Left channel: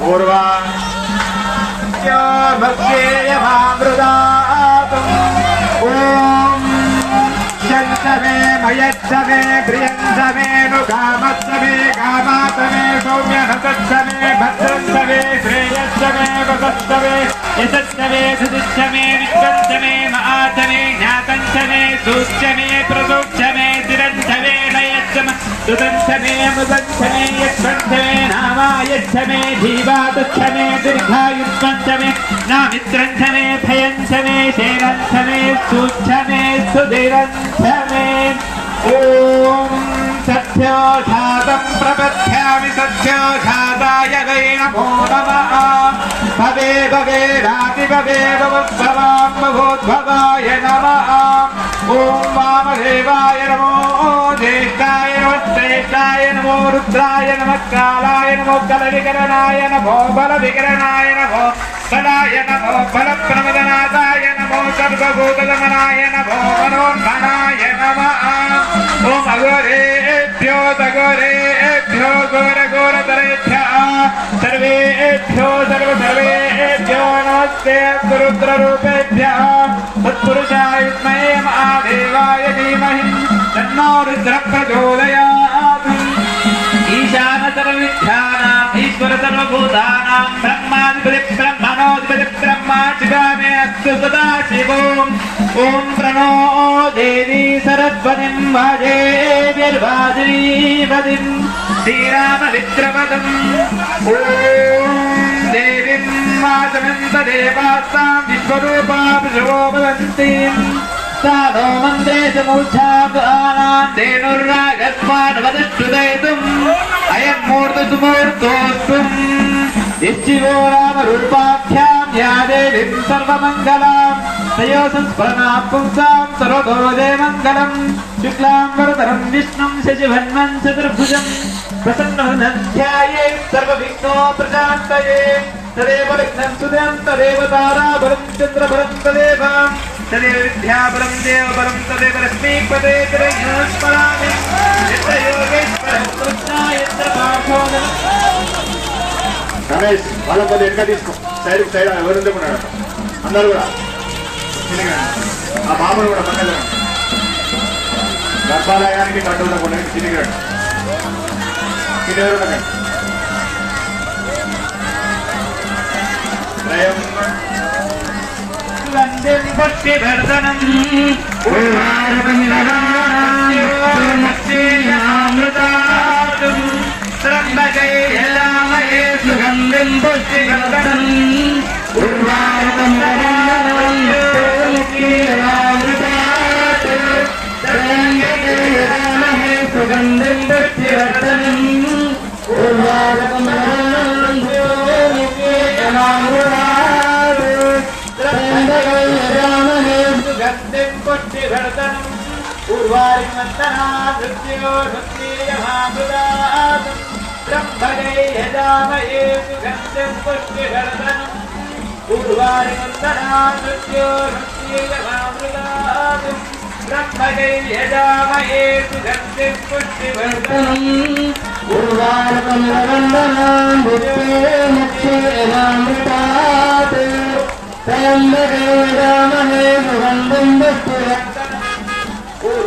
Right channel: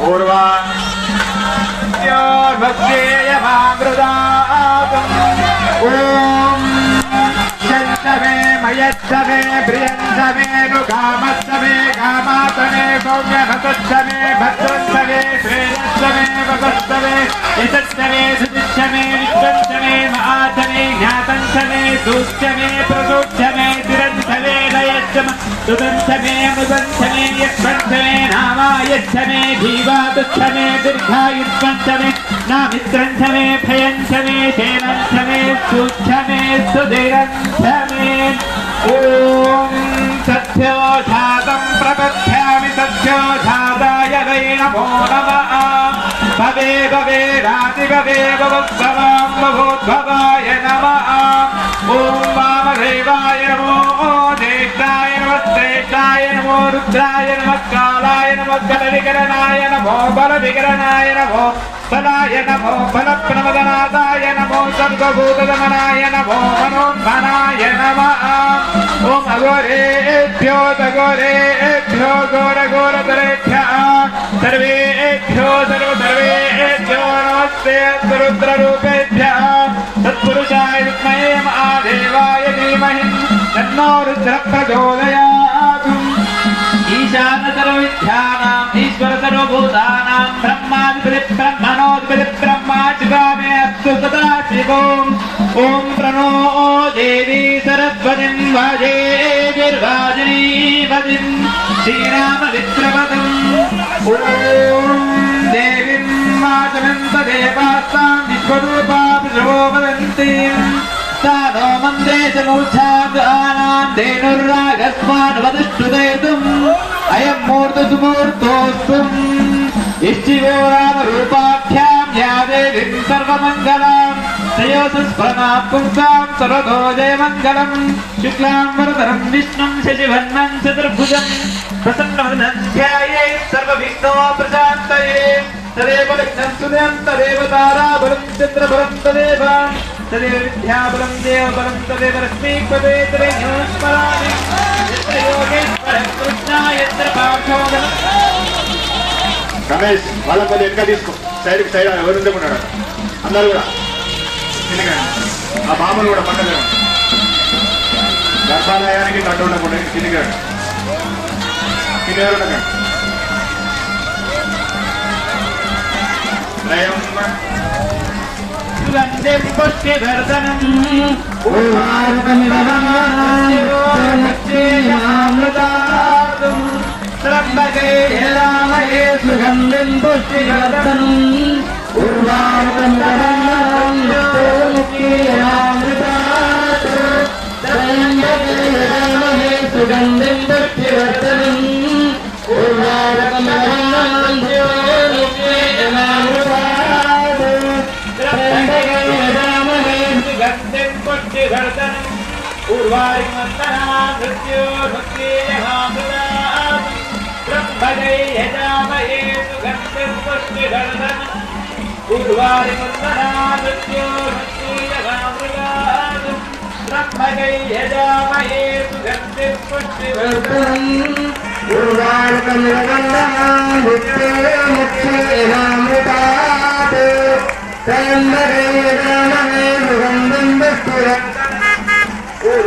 पूर्वा भक्षेय भामृदात् ॐ शङ्कवे मयत्सवे प्रियन्तवे कामत्सवे कामात्मने सौम्यभतत्सवे भद्रत्सवे श्रेयत्सवे भगत्सवे यशत्सवे सुदुष्टमे विश्वन्तमे महात्मे ज्ञातन्तमे सूक्षमे प्रसूक्षमे तिरन्तवे యక్షమ సుదంశ మే మృదంశ మే యక్షంశ మే నారాయక్ష మే జీవాదుక్ష మే దీర్ఘాయుష్మంశ మే నా మిత్రంశ మే భయంశ మే శేరంశ మే సూక్ష మే సుధిరంశ మే ఓం సత్యోఘాతం ప్రపథ్యామి సత్యోఘాతాయ వై నమో నమ భవే భవే రాతి భవే భవద్భవాం భవోద్భవాయ నమ రుద్రాయ నమ కాళాయ నమో కల వికరణాయ నమో బల వికరణాయ నమో సదాయ నమో బల ప్రమదనాథాయ నమో సర్వభూతమనాయ నమో మనోన్మనాయ నమ. ఓం అఘోరేభ్యో దఘోరేభ్యో ఘోర ఘోర దరేభ్య సర్వేభ్యో సర్వ సర్వేభ్యో నమస్తే రుద్ర రూపేభ్య సత్పురుషాయ దేవాయ ధీమహి. తన్నో రుద్ర ప్రచోదయా సర్వభూతానాం బ్రహ్మాధిపతి బ్రహ్మణోధిపతి బ్రహ్మా జిగామేస్తు సదాశివోం ఓం ప్రణో దేవీ సరస్వతిం వాజేర్వాజీపతిం శ్రీరామవిత్రవతం ఓం దేవీం వాసనంత దేవాస్తాం విశ్వరూపా ప్రశోభవంతి సాధో మందే చమూర్ఛా ధేనుర్రాగస్మాన్ దుమోద్గోత్తుం ఇష్టివోరామ రూపాఖ్యాం యా దేవిం సర్వమంగళాం శ్రేయోసస్ఫలనాత్పుంసాం సర్వగోదే మంగళం శుక్లాం వరదరం విష్ణుం శశివన్మం చతుర్భుజం ప్రసన్నమధ్యాయే సర్వవిఘ్నో ప్రశాంతయే తదేవ విఘ్నం సుదేం తదేవ తారాభరం చంద్రభరం తదేవాం सुदं तदेव ताराबलं चन्द्रबलं तदेव तदेव विद्याबलं देवबलं तदेव लक्ष्मीपदे तदेव स्मरामि यत्र योगेश्वरं कृष्णा यत्र पार्थो రమేష్ వాళ్ళ పది ఎక్క తీసుకో సైడ్కి సైడ్ ఎవరు ఉన్నాడు అందరు కూడా తిరిగి ఆ మామూలు కూడా పక్కన గర్భాలయానికి నడు ఉండకుండా తిరిగాడు తిరిగారు ఉండకండి త్రయం సుగంధం పుష్టివర్ధనం త్రంబకైలామయే సుగంధం పుష్టివర్ధనం సుగంధం उर्वारिमन्तरा मृत्योर्मृत्येहामृतात् ब्रह्मदै यजामहे सुगन्धिपुष्टिवर्धनम् उर्वारिमन्तरा मृत्योर्मृत्येहामृतात् ब्रह्मदै यजामहे सुगन्धिपुष्टिवर्धनम् उर्वारिमन्दरवन्दनां मृत्योर्मृत्येहामृतात् त्र्यम्बके राममे सुगन्धं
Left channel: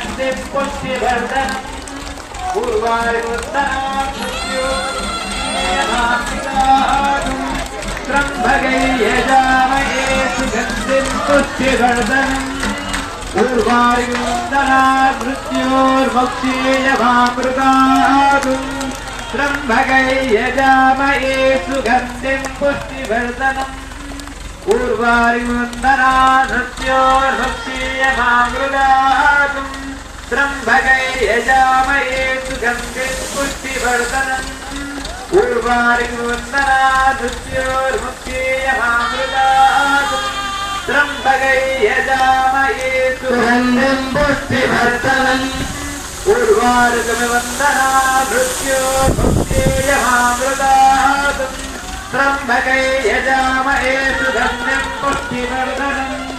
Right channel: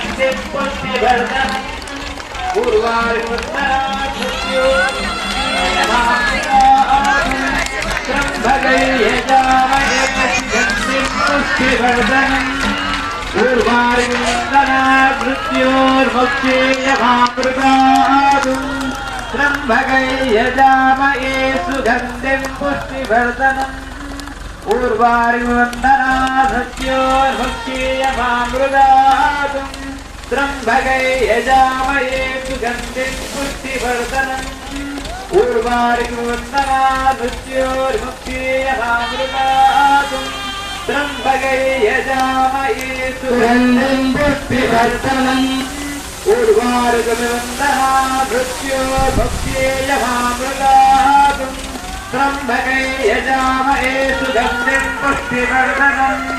हस्ते पुष्यवर्धन पूर्वाय पुष्यवर्धन पूर्वारिन्दना पुष्टिवर्धन त्र्यम्भकैर्यजामये वंदना पुष्टिवर्धनम् पूर्वारिवन्दना मृगा त्र्यम्बकै यजामहे सुगन्धिं पुष्टिवर्धनम् पूर्वारिमुन्दनादृत्योर्मुक्त्येयमामृतात् त्र्यम्बकै यजामहे सुगन्धिं पुष्टिवर्धनम् पूर्वार्गविवन्दना मृत्योर्मुक्त्येयमामृतात् त्र्यम्बकै यजामहे सुगन्धिं पुष्टिवर्धनम्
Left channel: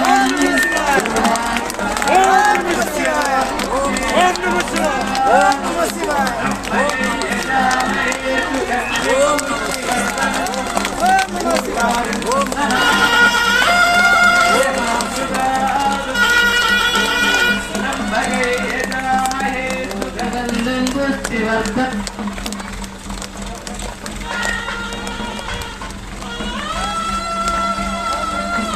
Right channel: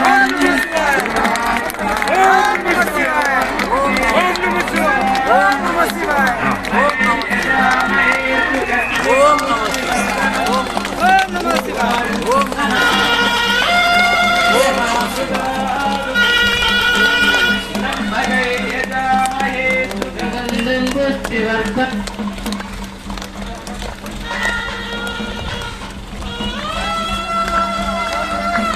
Oh!